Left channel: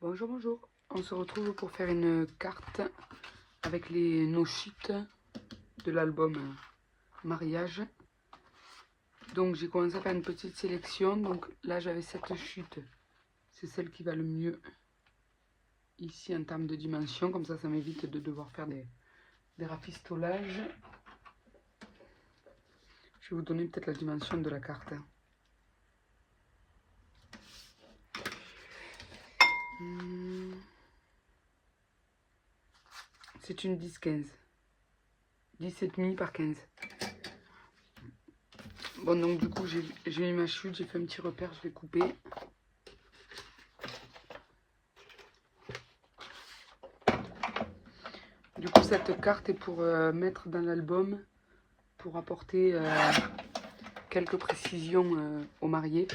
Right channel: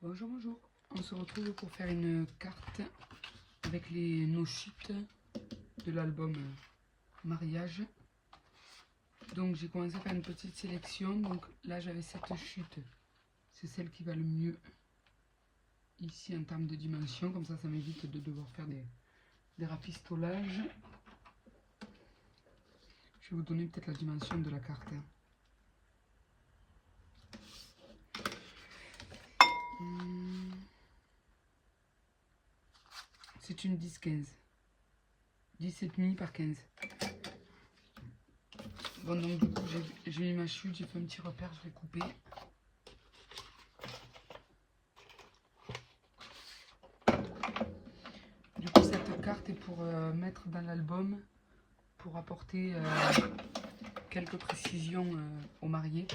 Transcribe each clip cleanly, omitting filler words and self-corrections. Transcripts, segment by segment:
Bonjour, bonjour. On se retrouve pour faire une carte avec nos chutes de l'album Mariage. Donc j'ai commencé à faire une petite sélection. Donc là j'avais cette chute. C'est celle qui va le mieux ici en termes de dimension. Comme ça m'évite de devoir faire des rafistolages. Je vais vous donner peut-être la dimension de la carte. C'est une 10-15. 17,5 par 15. Bon, donc du coup, j'ai mis ma chute, j'ai fait un petit repère, je l'ai coupé. Du coup, cette carte est pour mettre dans l'album, pour apporter quelques précisions aux mariés.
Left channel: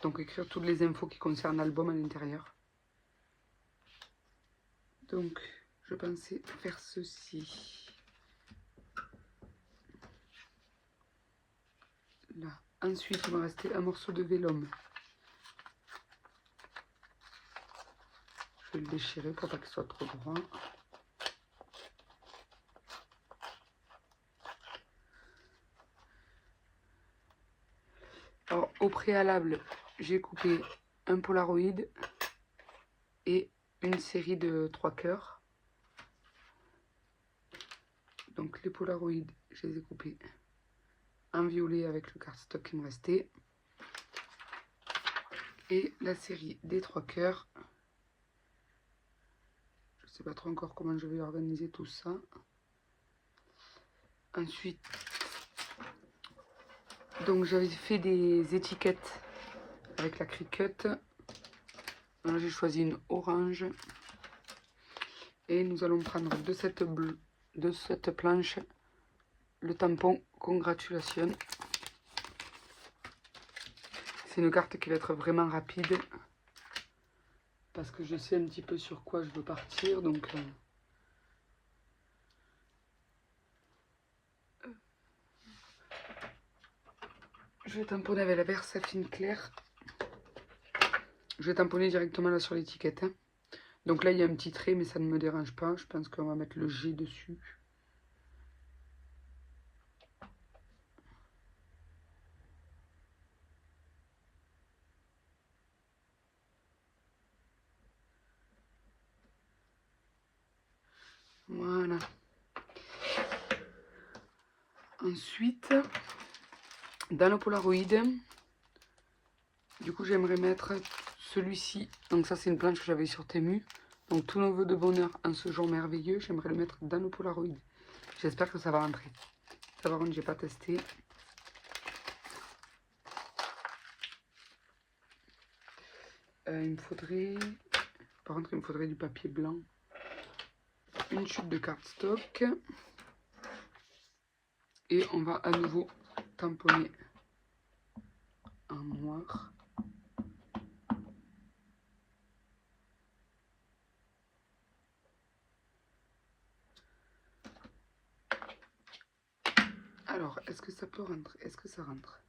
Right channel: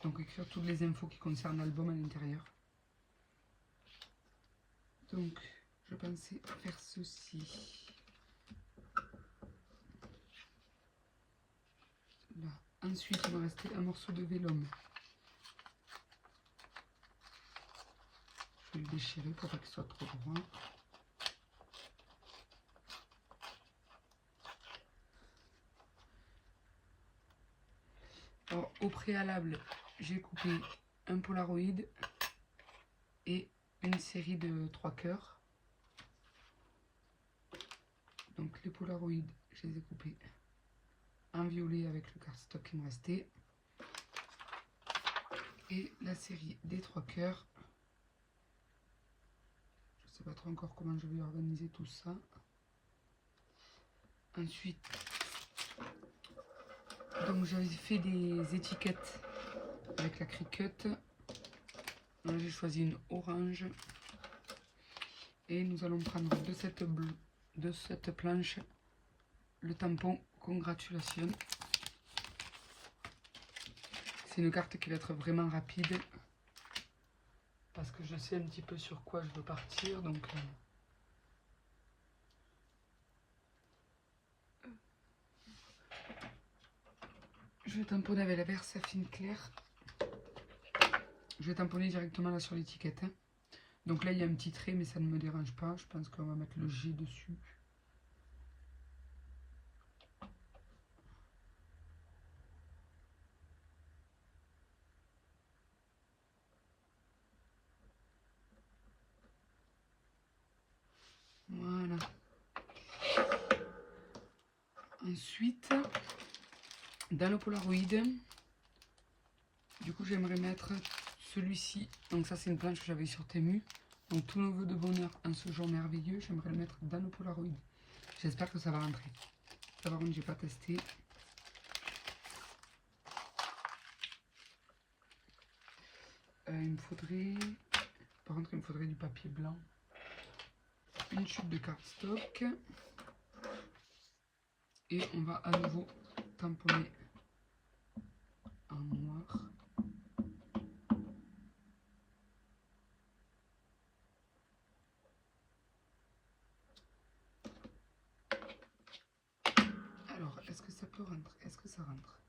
Donc, écrire toutes les infos qui concernent l'album à l'intérieur. Donc, je pensais faire ceci. Là. Ensuite, il va rester un morceau de vélum. Je vais le déchirer pour pas qu'il soit trop droit. Alors, au préalable, j'ai coupé un Polaroid et une série de 3 cœurs. Donc, les Polaroids, je les ai coupés en violet avec le cardstock qui me restait. Et la série des 3 cœurs. Je ne sais pas trop encore comment je vais organiser tout ça. Ensuite, donc j'avais fait des étiquettes avec la Cricut. Là, j'ai choisi une orange. Et nous allons prendre de cette planche le tampon Congratulations. C'est une carte qui va être vraiment rapide. Parce que je sais un petit peu sur quoi je veux partir. Donc, je vais tamponner avec la Versafine claire. Je vais tamponner directement là sur l'étiquette. Hein. Donc là, il y a un petit trait, mais ça ne me dérange pas. Je pense qu'on va mettre le G dessus. Voilà. Ensuite, dans le Polaroid, du coup, j'aimerais mettre celui-ci. Donc ça, c'est une planche que j'avais sur Temu. Donc tous nos vœux de bonheur en ce jour merveilleux, j'aimerais le mettre dans le Polaroid. J'espère que ça va rentrer. Ça, par contre, j'ai pas testé. Il me faudrait... Par contre, il me faudrait du papier blanc. Une chute de cardstock. Et on va à nouveau tamponner en noir. Alors, est-ce que ça peut rentrer? Est-ce que ça rentre?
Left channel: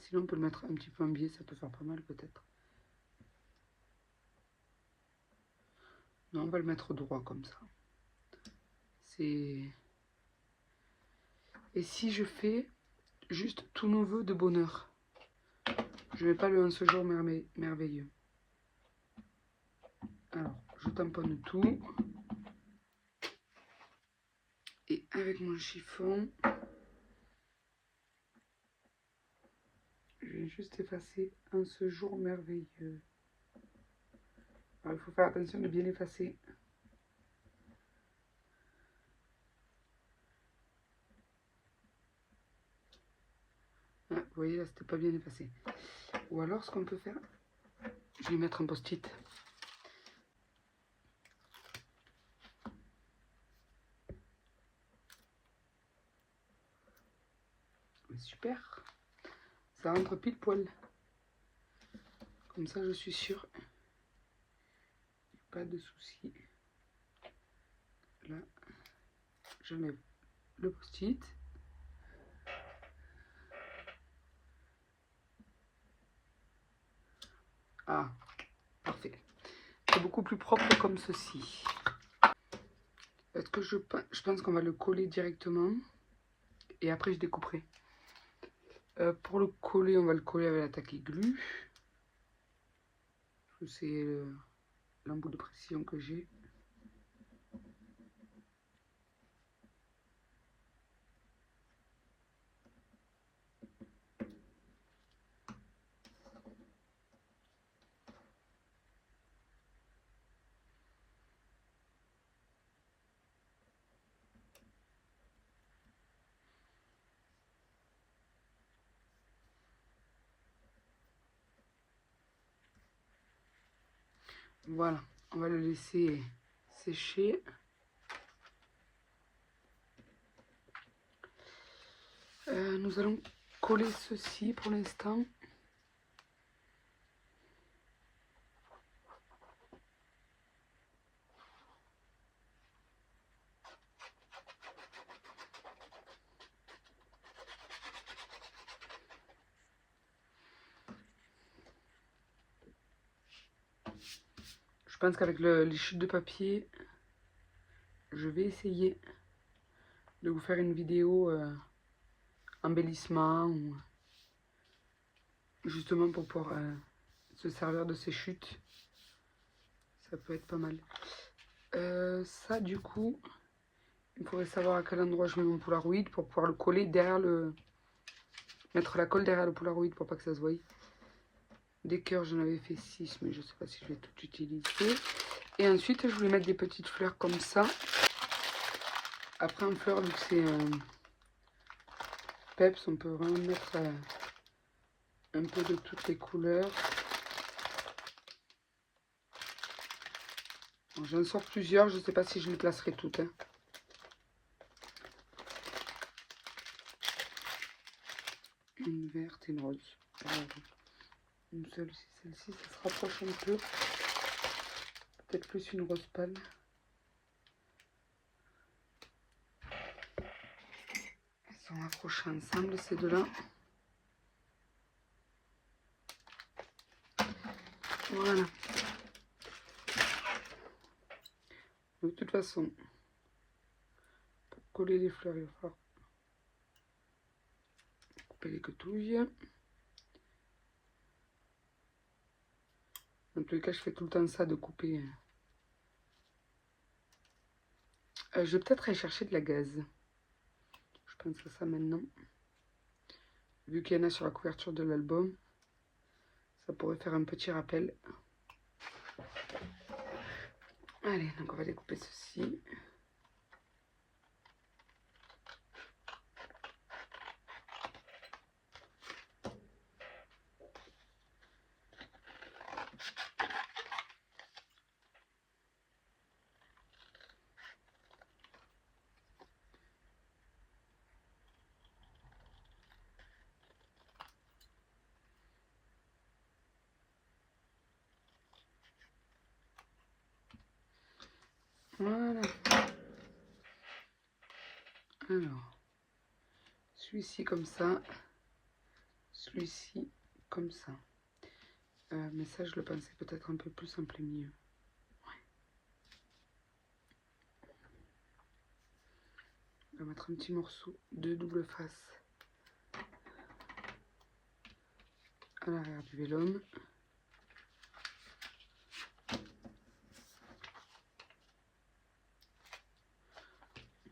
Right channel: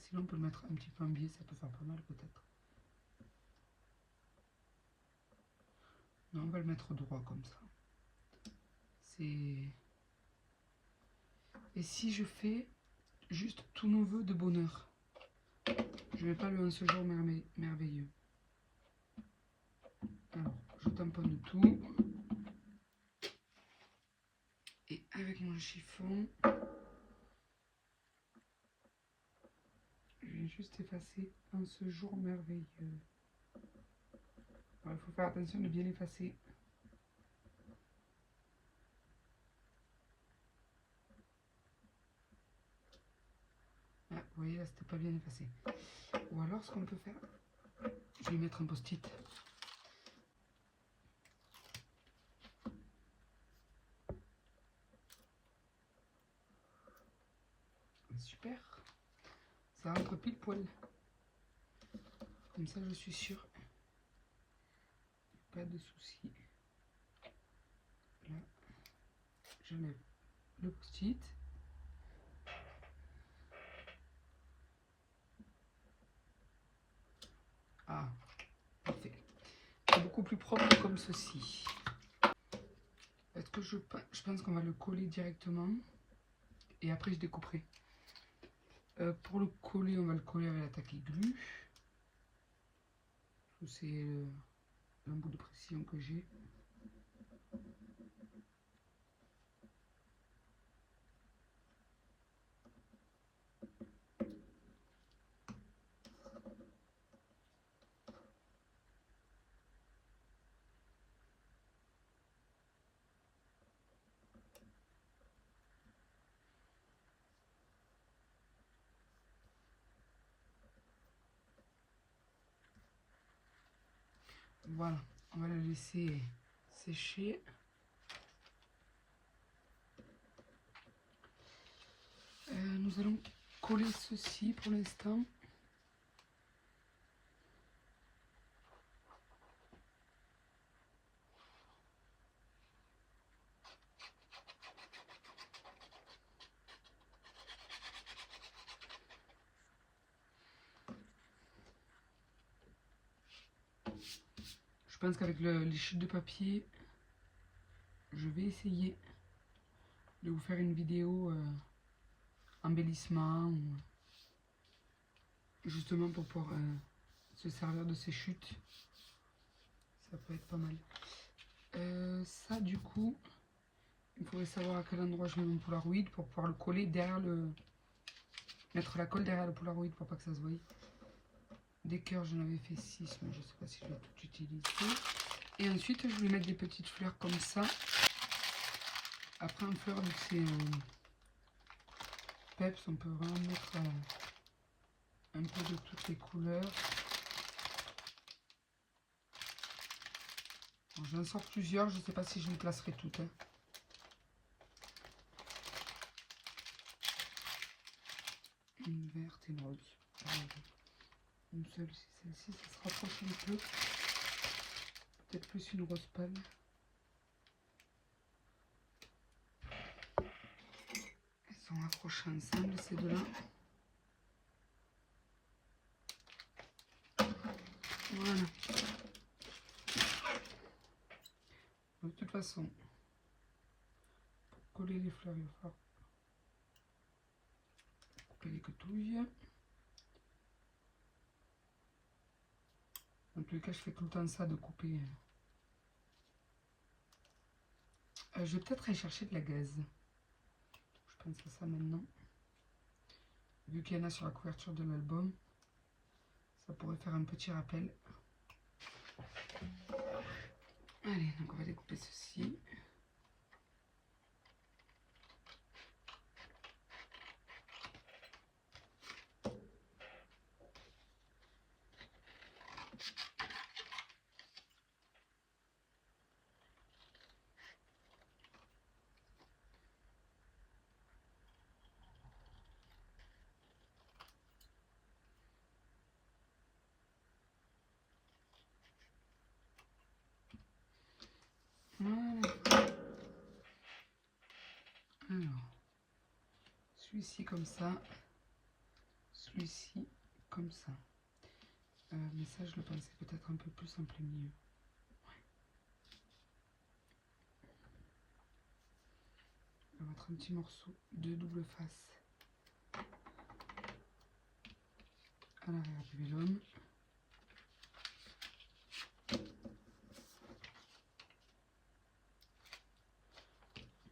Sinon, on peut le mettre un petit peu en biais, ça peut faire pas mal peut-être. Non, on va le mettre droit comme ça. C'est... Et si je fais juste tous nos vœux de bonheur? Je vais pas le en ce jour merveilleux. Alors, je tamponne tout. Et avec mon chiffon, je vais juste effacer en ce jour merveilleux. Alors, il faut faire attention de bien effacer. Ah, vous voyez, là, c'était pas bien effacé. Ou alors, ce qu'on peut faire, je vais mettre un post-it. Super. Ça rentre pile poil. Comme ça, je suis sûre. Pas de soucis. Là, je mets le post-it. Ah, parfait. C'est beaucoup plus propre comme ceci. Est-ce que je pense qu'on va le coller directement et après je découperai. Pour le coller, on va le coller avec la taquet glue. C'est l'embout de précision que j'ai. Voilà, on va le laisser sécher. Nous allons coller ceci pour l'instant. Je pense qu'avec les chutes de papier, je vais essayer de vous faire une vidéo embellissement ou justement pour pouvoir se servir de ces chutes. Ça peut être pas mal. Ça du coup, il faudrait savoir à quel endroit je mets mon Polaroid pour pouvoir le coller derrière le... Mettre la colle derrière le Polaroid pour pas que ça se voie. Des cœurs, j'en avais fait 6, mais je sais pas si je vais tout utiliser. Et ensuite, je vais mettre des petites fleurs comme ça. Après, en fleurs, vu que c'est peps, on peut vraiment mettre un peu de toutes les couleurs. Bon, j'en sors plusieurs, je sais pas si je les placerai toutes. Hein. Une verte et une rose. Alors, une seule, c'est celle-ci, ça se rapproche un peu. Peut-être plus une rose pâle. Elles sont accrochées ensemble, ces deux-là. Voilà. De toute façon, pour coller les fleurs, il va falloir couper les quetouilles. Dans tous les cas, je fais tout le temps ça de couper. Je vais peut-être aller chercher de la gaze. Je pense à ça maintenant. Vu qu'il y en a sur la couverture de l'album, ça pourrait faire un petit rappel. Allez, donc on va découper ceci. Voilà. Alors, celui-ci comme ça, celui-ci comme ça. Mais ça, je le pensais peut-être un peu plus simple et mieux. Ouais. On va mettre un petit morceau de double face à l'arrière du vélum.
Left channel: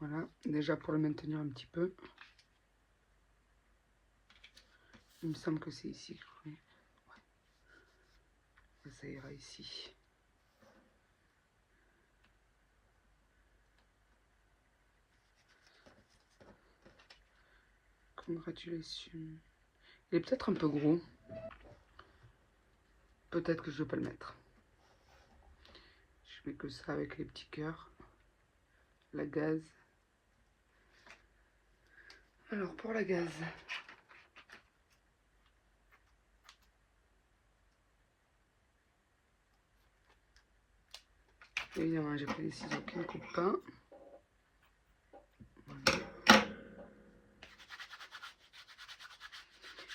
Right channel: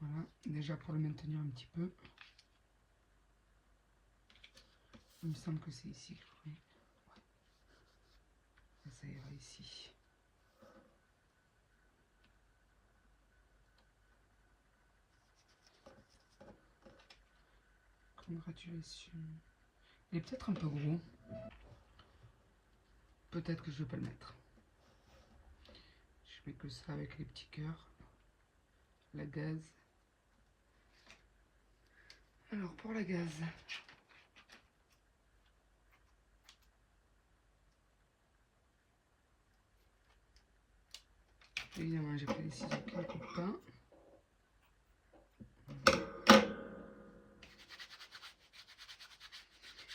Voilà, déjà pour le maintenir un petit peu. Il me semble que c'est ici. Oui. Ouais. Ça ira ici. Congratulations. Il est peut-être un peu gros. Peut-être que je ne vais pas le mettre. Je mets que ça avec les petits cœurs. La gaze. Alors pour la gaze. Évidemment, j'ai pris des ciseaux qui ne coupent pas. Voilà.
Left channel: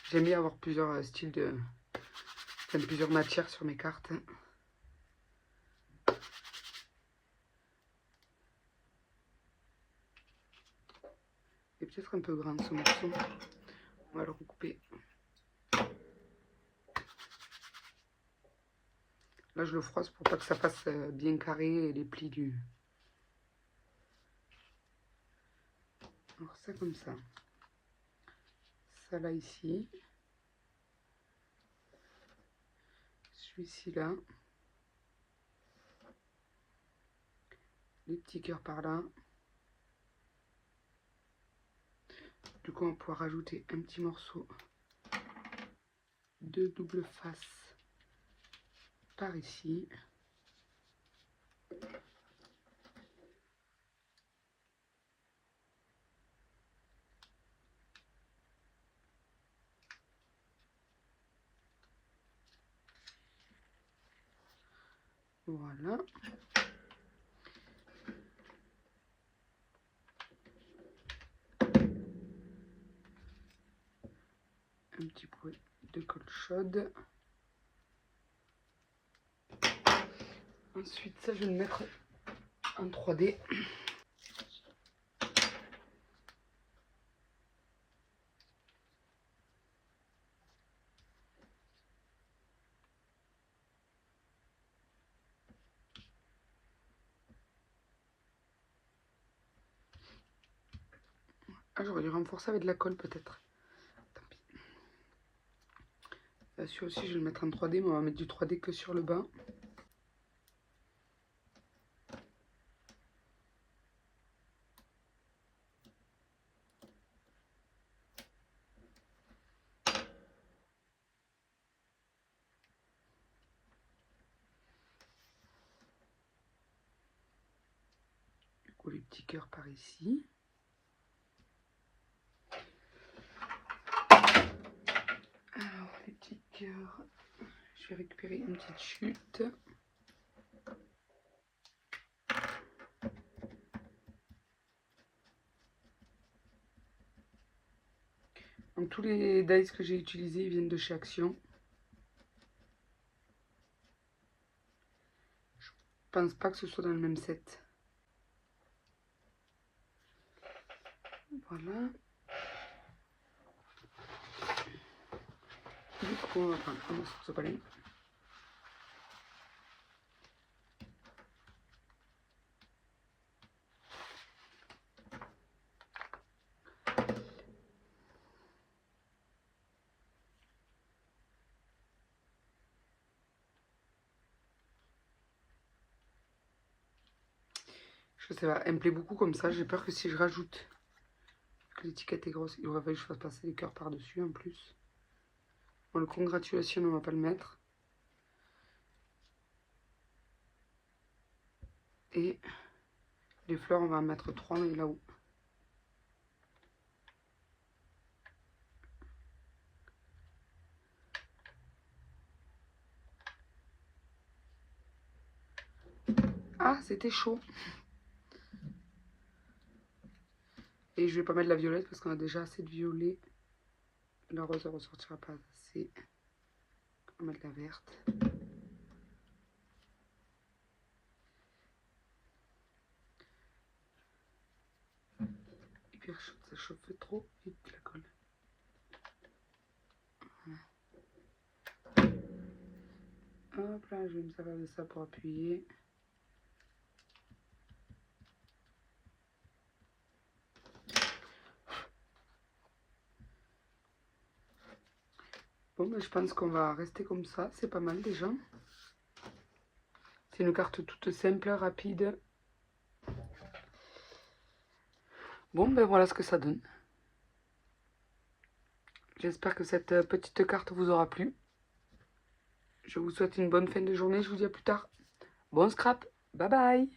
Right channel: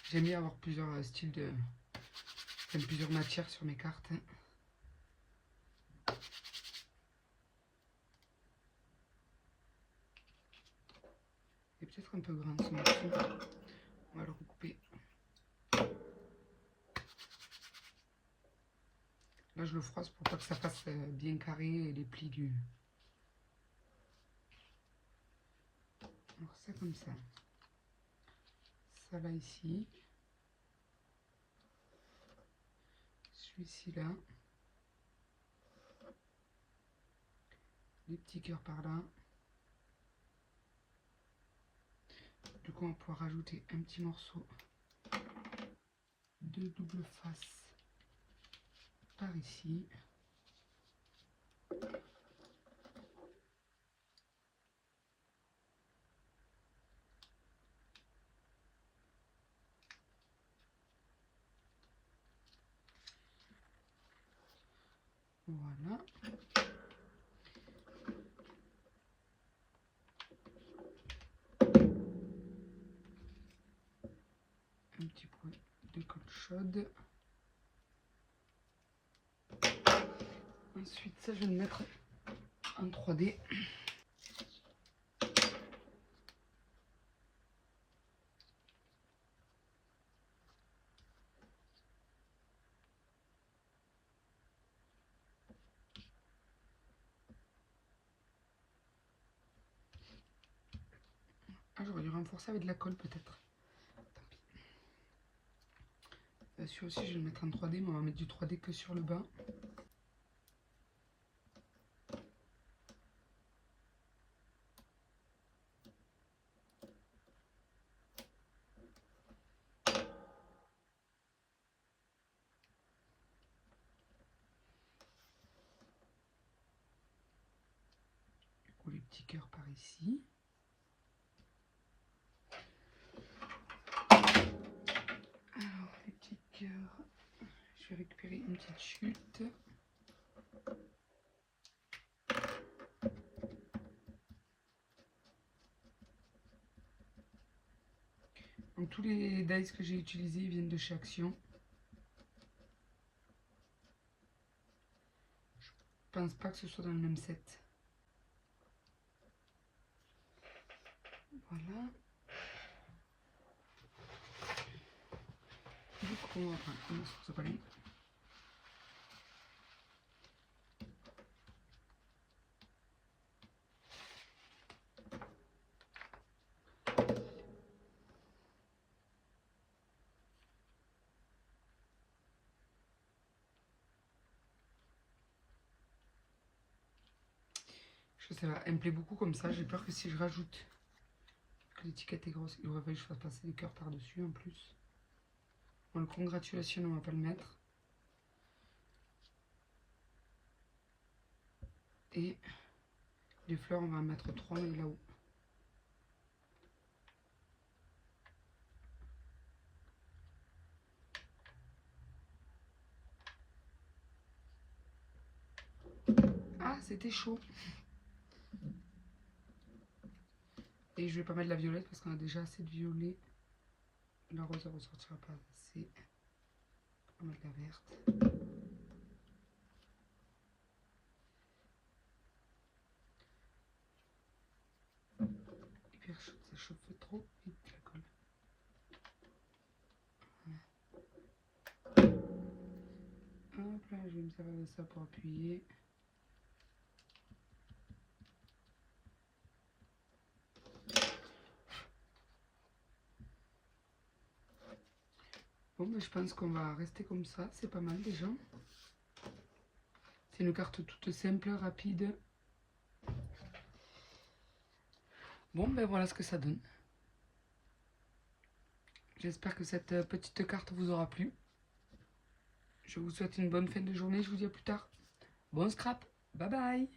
J'aime bien avoir plusieurs styles de Enfin, plusieurs matières sur mes cartes. Il est peut-être un peu grand ce morceau. On va le recouper. Là, je le froisse pour pas que ça fasse bien carré et les plis du... Alors ça comme ça. Ça là ici. Celui-ci là. Les petits cœurs par là. Du coup, on va pouvoir rajouter un petit morceau de double face par ici. Voilà. Un petit peu de colle chaude. Ensuite, ça, je vais le mettre en 3D. Ah, j'aurais dû renforcer avec de la colle peut-être. Celui aussi, je vais le mettre en 3D, mais on va mettre du 3D que sur le bas. Du coup, les petits cœurs par ici. Alors, les petits cœurs, je vais récupérer une petite chute. Donc, tous les dies que j'ai utilisés viennent de chez Action. Je pense pas que ce soit dans le même set. Voilà. Du coup, on va prendre un morceau de balai. Je sais pas, elle me plaît beaucoup comme ça. J'ai peur que si je rajoute que l'étiquette est grosse, il aurait fallu que je fasse passer les cœurs par-dessus en plus. Bon, le congratulation, on va pas le mettre. Et les fleurs, on va en mettre 3 là-haut. Ah, c'était chaud. Et je vais pas mettre la violette parce qu'on a déjà assez de violet. La rose ne ressortira pas assez. On va mettre la verte. Et puis ça chauffe trop vite la colle. Voilà. Hop là, je vais me servir de ça pour appuyer. Bon, ben, je pense qu'on va rester comme ça. C'est pas mal déjà. C'est une carte toute simple, rapide. Bon, ben voilà ce que ça donne. J'espère que cette petite carte vous aura plu. Je vous souhaite une bonne fin de journée. Je vous dis à plus tard. Bon scrap. Bye bye.